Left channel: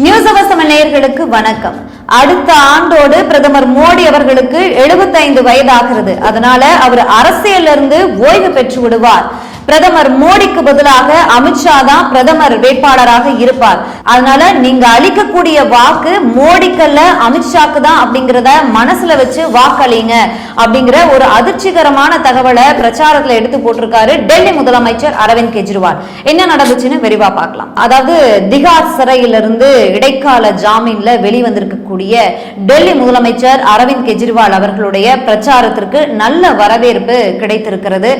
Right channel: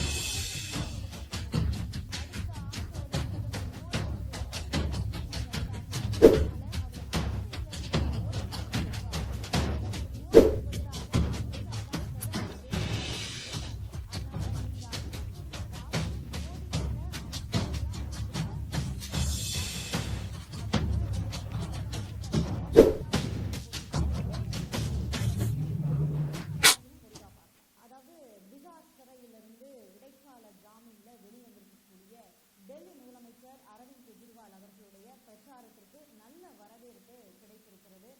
News அவசரம் நேயர்களுக்கு வணக்கம். அடுத்த ஆண்டோடு பிரதமர் மோடி அவர்களுக்கு 75 வயதாகிறது. அதனால அவர் அரசியல்ல இருந்து ஓய்வு பெற்று விடுவார். பிரதமர் மோடிக்கு பதிலாக அமித்ஷா தான் பிரதமர் வேட்பாளராக இருப்பார். அதனால நீங்க அளிக்கக்கூடிய வாக்கு மோடிக்கல்ல அமித்ஷாக்கு தான் அப்படிங்கறத மனசுல வச்சு வாக்களிங்க அப்படிங்கிற ஒரு அதிர்ச்சிகரமான தகவலை பிரச்சாரத்துல எடுத்து போட்டிருக்காரு டெல்லி முதலமைச்சர் அரவிந்த் கெஜ்ரிவால். என்ன நடந்துச்சுன்னு விரிவா பார்க்கலாம். அதாவது திகார் சிறையிலிருந்து இடைக்கால ஜாமீன்ல வெளிவந்திருக்கக்கூடிய டெல்லி முதலமைச்சர் அரவிந்த் கெஜ்ரிவால் அவர்களுடைய பிரச்சாரத்திற்கு நல்ல வரவேற்பு கிடைத்திருக்கிறது.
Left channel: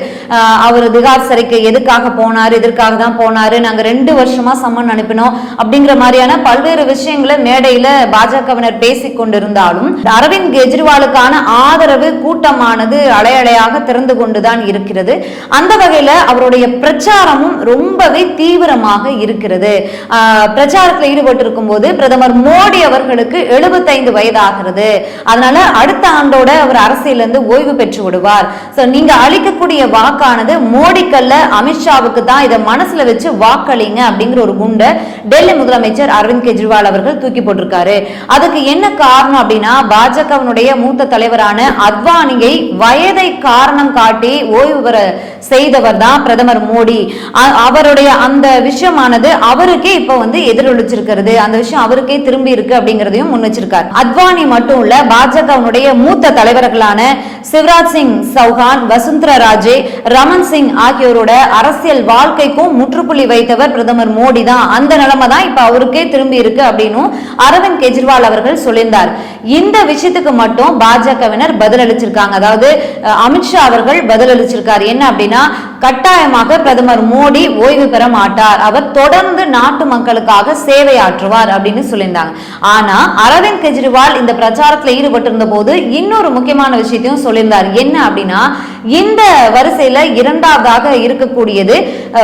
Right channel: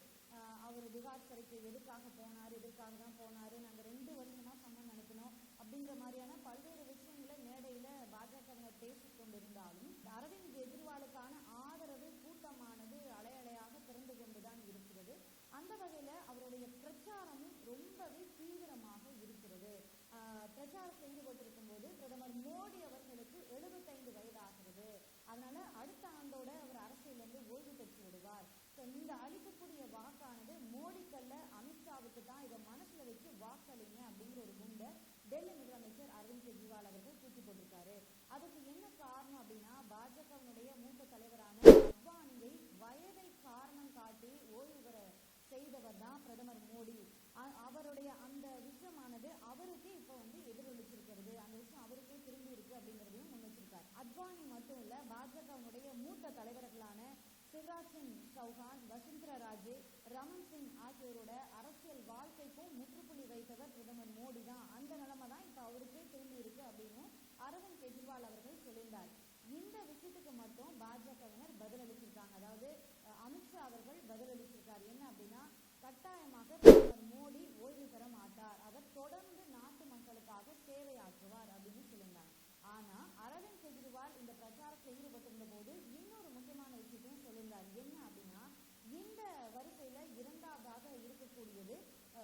அவர் திகார் சிறைக்கு எதுக்காக போனாரு, இதற்காக தான் போனாரு, நாங்க 2 வருஷமா சம்மன் அனுப்பினோம் அப்படிங்கிற மாதிரியான பல்வேறு விஷயங்களை மேடையில பாஜகவினர் பேசிக் கொண்டிருந்தாலும் அரவிந்த் கெஜ்ரிவாலுக்கான ஆதரவு கூட்டமானது அலையலையாக திறந்து கொண்டுதான் இருக்கிறது. அந்த வகையில அவருடைய பிரச்சாரமும் ரொம்பவே தீவிரமாக இருக்கிறது. பிரச்சாரத்தில் ஈடுபட்டு இருக்கும் போது பிரதமர் மோடி அவர்களுக்கு 75 வயதாகிறது. அதனால அடுத்த ஆண்டோட அவர் அரசியல் இருந்து ஓய்வு பெற்று விடுவார். நீங்க அளிக்கக்கூடிய வாக்கானது மோடிக்கல்ல அமித்ஷாவுக்கு தான், இதை மனசுல வச்சு வாக்களிங்க அப்படிங்கிற ஒரு குண்டை டெல்லி முதலமைச்சர் அரவிந்த் கெஜ்ரிவால் அவர்கள் தூக்கி போட்டிருக்காரு. அதுக்கு என்ன காரணம் அப்படின்னா, பாஜகவினுடைய மூத்த தலைவரான அத்வானியை வயதை காரணம் காட்டி ஓய்வு பெற செய்தவர் தான் பிரதமர் மோடி. அவருடைய அந்த விஷயமானது அவருக்கே இப்ப எதிரொலிச்சிருக்கிறது. அந்த விஷயம் அவருக்கே திரும்பி இருக்கு அப்படிங்கறதையும் முன் வச்சிருக்காரு. அத்வானி மட்டும் இல்ல, பாஜகவினுடைய மூத்த தலைவர்களான சிவராஜ் சிங் சௌஹான், வசுந்தரா ராஜே, ரமன் சிங் ஆகியோரோட அரசியல் வாழ்க்கைக்கும் முற்றுப்புள்ளி வைத்தவர் பிரதமர் மோடி தான். அந்த நிலைமை தான் இப்ப அவருக்கே திரும்பி இருக்கு அப்படின்னு அரவிந்த் கெஜ்ரிவால் அவர்கள் சொல்லியிருந்தார். இந்த விஷயத்துக்கு மட்டும் பாஜகவினர் பதிலளிச்சிருக்காங்க. அதாவது அமித்ஷா அவர்கள் பதிலளிச்சிருக்காரு. என்ன அப்படின்னா, கட்டாயமாக பிரதமர் மோடி ஓய்வு பெற மாட்டார், அவர் தொடர்ந்து நாட்டு மக்களுக்காக சேவையாற்றுவார் அப்படின்னு சொல்லியிருந்தாங்க. ஆனா அரவிந்த் கெஜ்ரிவால் இந்த பிரச்சாரத்தில் ஈடுபட்டிருந்த போது இன்னொரு முக்கியமான விஷயத்தையும் சொல்லியிருந்தார். என்ன அப்படின்னா, இந்த வரிசையில இரண்டாவதாக இருக்கக்கூடியது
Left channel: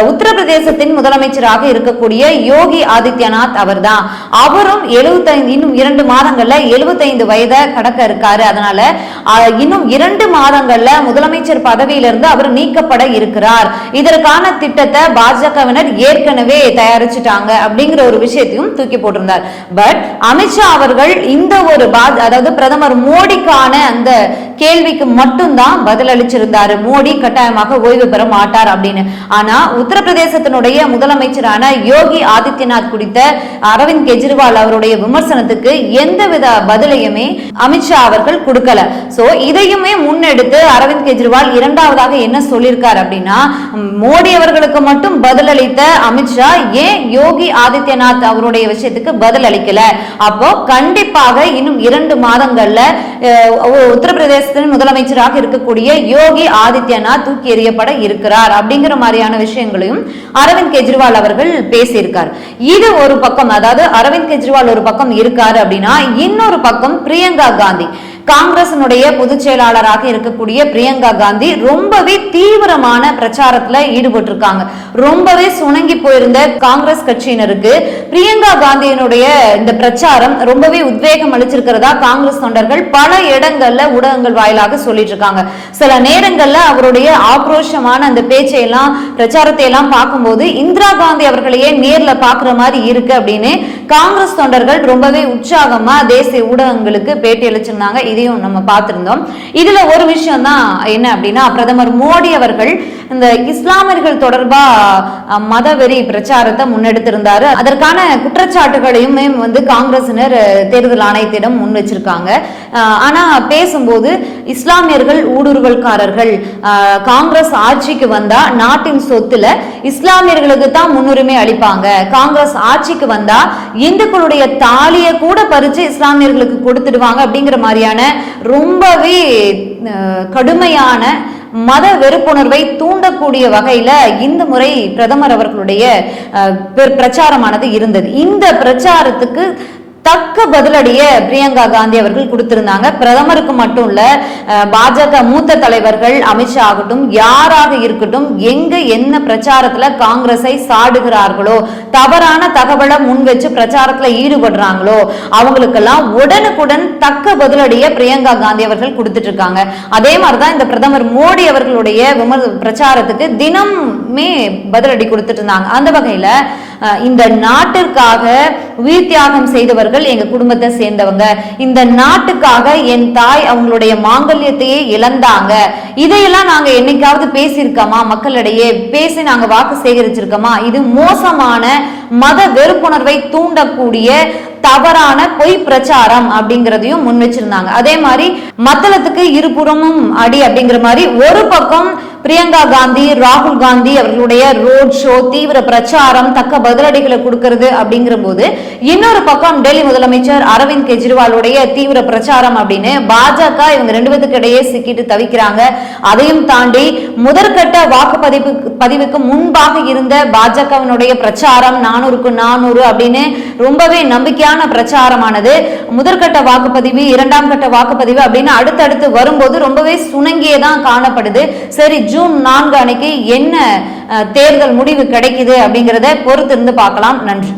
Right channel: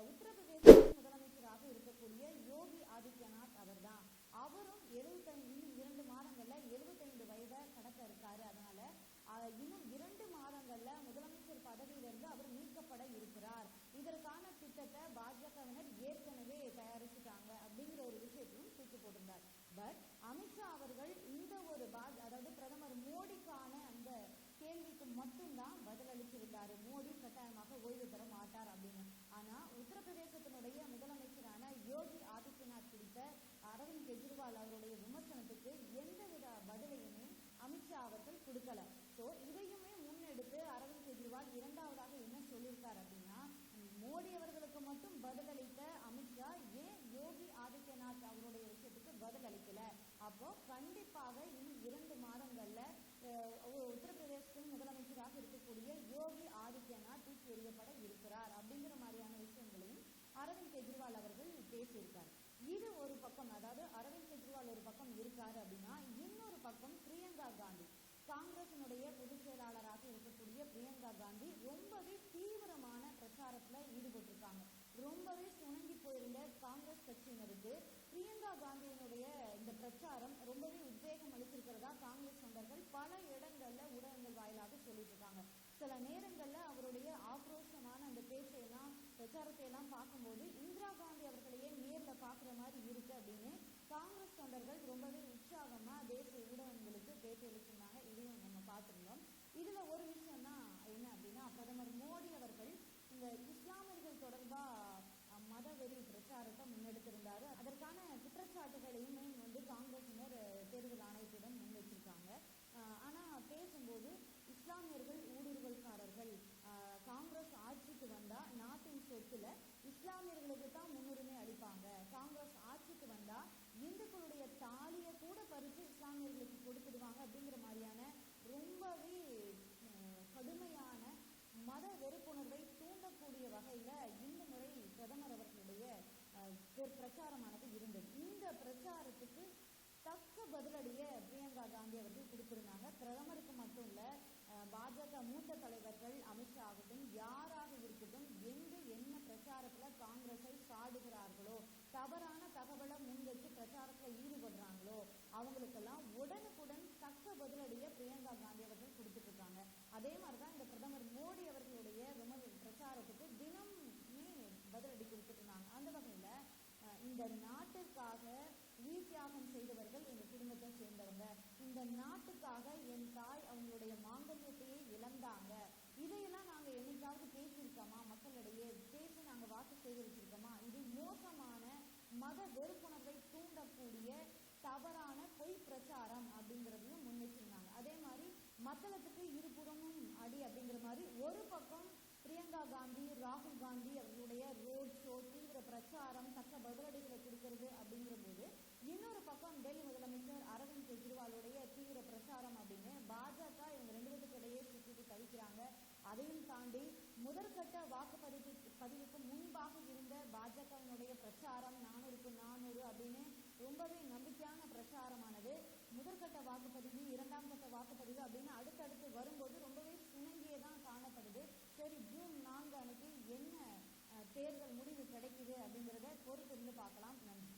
உத்தரப்பிரதேசத்தின் முதலமைச்சராக இருக்கக்கூடிய யோகி ஆதித்யநாத் அவர் தான். அவரும் 75 இன்னும் 2 மாதங்கள்ல 75 வயதை கடக்க இருக்காரு. அதனால இன்னும் 2 மாதங்கள்ல முதலமைச்சர் பதவியிலிருந்து அவர் நீக்கப்பட இருக்கிறார். இதற்கான திட்டத்தை பாஜகவினர் ஏற்கனவே தயாரிச்சுட்டாங்க அப்படிங்கிற ஒரு விஷயத்தையும் தூக்கி போட்டிருந்தார். பட் அமித்ஷா அவர்கள் இந்த ஒரு அதாவது பிரதமர் மோடிக்கான அந்த கேள்விக்கு மட்டும்தான் பதில் அளிச்சிருந்தாரு. மோடி கட்டாயமாக ஓய்வு பெற மாட்டார் அப்படின்னு. ஆனா உத்தரப்பிரதேசத்தினுடைய முதலமைச்சரான யோகி ஆதித்யநாத் குறித்த அரவிந்த் கெஜ்ரிவால் அவருடைய விமர்சனத்துக்கு எந்தவித பதிலையுமே அமித்ஷா அவர்கள் கொடுக்கல. சோ இதையுமே முன்னெடுத்து அரவிந்த் கெஜ்ரிவால் இரண்டாவதாக என்ன சொல்லியிருக்கார் அப்படின்னா, மோடி அவர்களுக்கு மட்டும் பதிலளித்த அமித்ஷா ஏன் யோகி ஆதித்யநாத் அவருடைய விஷயத்துக்கு பதில் அளிக்கல? அப்போ கண்டிப்பாக இன்னும் 2 மாதங்கள்ல உத்தரப்பிரதேசத்தின் முதலமைச்சராக இருக்கக்கூடிய யோகி ஆதித்யநாத் தூக்கி எறியப்பட இருக்கிறார் அப்படிங்கிற மாதிரியான விஷயங்களையும் அரவிந்த் கெஜ்ரிவால் அவர்கள் பேசியிருக்கார். இது ஒரு பக்கம், அதாவது அரவிந்த் கெஜ்ரிவால் ஒரு பக்கம் இருக்காரு அப்படின்னா, இன்னொரு பக்கம் பிரியங்கா காந்தி, காங்கிரசினுடைய பொதுச் செயலாளராக இருக்கக்கூடிய பிரியங்கா காந்தி ரொம்பவே தீவிரமான பிரச்சாரத்துல ஈடுபட்டு இருக்காங்க. ரொம்பவே சுணங்கி போயிருந்த காங்கிரஸ் கட்சியினருக்கு பிரியங்கா காந்தியினுடைய இந்த பிரச்சாரம் ரொம்பவே உத்வேகம் அளிச்சிருக்கிறதா காங்கிரஸ் தொண்டர்கள் பல இடங்கள்ல ஊடகங்கள் வாயிலாக சொல்லிட்டு இருக்காங்க. சில நேரங்கள்ல அவருடைய ஆக்ரோஷமான அந்த பேச்சையெல்லாம் பிரச்சாரத்தை எல்லாம் பார்க்கும்போது இந்திரா காந்தி அவர்களையே நேர்ல பாக்குற மாதிரி இருக்கு அப்படின்னு காங்கிரஸ் தொண்டர்கள் ரொம்பவே உற்சாகமா தேசிய ஊடகங்களுக்கு பேட்டி அளிச்சிருந்தாங்க. இதையும் நம்ம பார்த்திருந்தோம். இதுல ஒரு விஷயம் தான் என்ன அப்படின்னா, பிரதமர் மோடி அவர்கள் இந்த இஸ்லாமியர்கள் தொடர்பா மதவெறி பிரச்சாரத்தை முன்னெடுத்திருந்தாரு. அதற்கான குற்றச்சாட்டுகளையுமே காங்கிரசினர் தேர்தல் ஆணையத்திடம் முன் வச்சிருக்காங்க. ஆனா பேசும்போது இஸ்லாமியர்கள் ஊடுருவல்காரர்கள், காங்கிரஸ் ஆட்சிக்கு வந்தா நாட்டின் சொத்துல இஸ்லாமியர்களுக்கு தான் முன்னுரிமை அளிப்பாங்க, காங்கிரஸ் ஆட்சிக்கு வந்தா இந்துக்களுடைய தாலியை கூட பறிச்சு இஸ்லாமியர்களுக்கு கொடுத்துடுவாங்க அப்படிங்கிற மாதிரியான ரொம்பவே கடுமையான மத வெறுப்புணர்வை தூண்டக்கூடிய வகையில இந்த முறை பிரதமர் அவர்களுடைய பிரச்சாரமானது இருந்தது. இந்த பிரச்சாரத்துக்கு தக்க பதிலடிய பிரியங்கா காந்தி அவர்கள் கொடுத்திருந்தாங்க. பிரதமருக்கு மட்டும் இல்ல, பாஜக மூத்த தலைவர்கள் அமித்ஷா ஆகட்டும், யாராக இருக்கட்டும், எங்க என்ன பிரச்சாரத்துல காங்கிரஸை சாடுகிறார்களோ, தவறான தகவலை முன் வச்சு பிரச்சாரத்துல ஈடுபடுறாங்களோ அவங்களுக்கெல்லாம் உடனுக்குடன் தக்க பதிலடிய பிரியங்கா காந்தி அவர்கள் கொடுத்துட்டு இருக்காங்க. அதே மாதிரிதான் இந்த பிரதமர் மோடி அவர்களுடைய பிரச்சாரத்துக்கு தினமே பதிலடி கொடுத்துட்டு இருந்தாங்க. அந்த வகையில இந்த நாட்டிற்காக உயிர் தியாகம் செய்தவர்கள் எங்க குடும்பத்தை சேர்ந்தவங்க, இந்த நாட்டுக்காக என் தாய் அவங்களுடைய மாங்கல்யத்தையே இழந்தாங்க. இதையெல்லாம் நாங்க என்னைக்காவது பேசியிருக்கோமா? மக்களிடையே பேசி நாங்க வாக்கு சேகரிச்சிருக்கோமா? இது மோசமான மத வெறுப்புணர்வை தூண்டக்கூடிய தவறான பொய் பிரச்சாரம் அப்படிங்கிறதையும் முன் வச்சிருந்தாங்க. அதே மாதிரி மத்தளத்துக்கு இருபுறமும் அடி அப்படிங்கிற மாதிரி ஒரு பக்கம் பிரியங்கா காந்தி, ராகுல் காந்தி அவர்களுடைய ரோட் ஷோ, தீவிர பிரச்சாரம், தக்க பதிலடிகளை கொடுக்கிறது அப்படிங்கிற போது இன்னொரு பக்கம் டெல்லி முதலமைச்சர் அரவிந்த் கெஜ்ரிவாலுடைய தீவிர பிரச்சாரம் அப்படின்னு பாஜக இவங்க ரெண்டு பேருக்கு இடையே சிக்கிட்டு தவிக்கிறாங்க. அதையும் தாண்டி முதற்கட்ட வாக்குப்பதிவுக்கு முன்பாக இருந்த பாஜகவினுடைய பிரச்சாரம் 400க்கு 400 அப்படின்னு ரொம்பவே நம்பிக்கையான பிரச்சாரமானது முதற்கட்ட வாக்குப்பதிவு, இரண்டாம் கட்ட வாக்குப்பதிவு அப்படின்னு அடுத்தடுத்து வரும்போது ரொம்பவே சுணங்கியதான் காணப்படுது. சரி, ஜூன் 4 அன்னைக்கு என்ன தேர்தல் முடிவு கிடைக்குது அப்படிங்கிறத பொறுத்திருந்து பார்க்கலாம். நன்றி.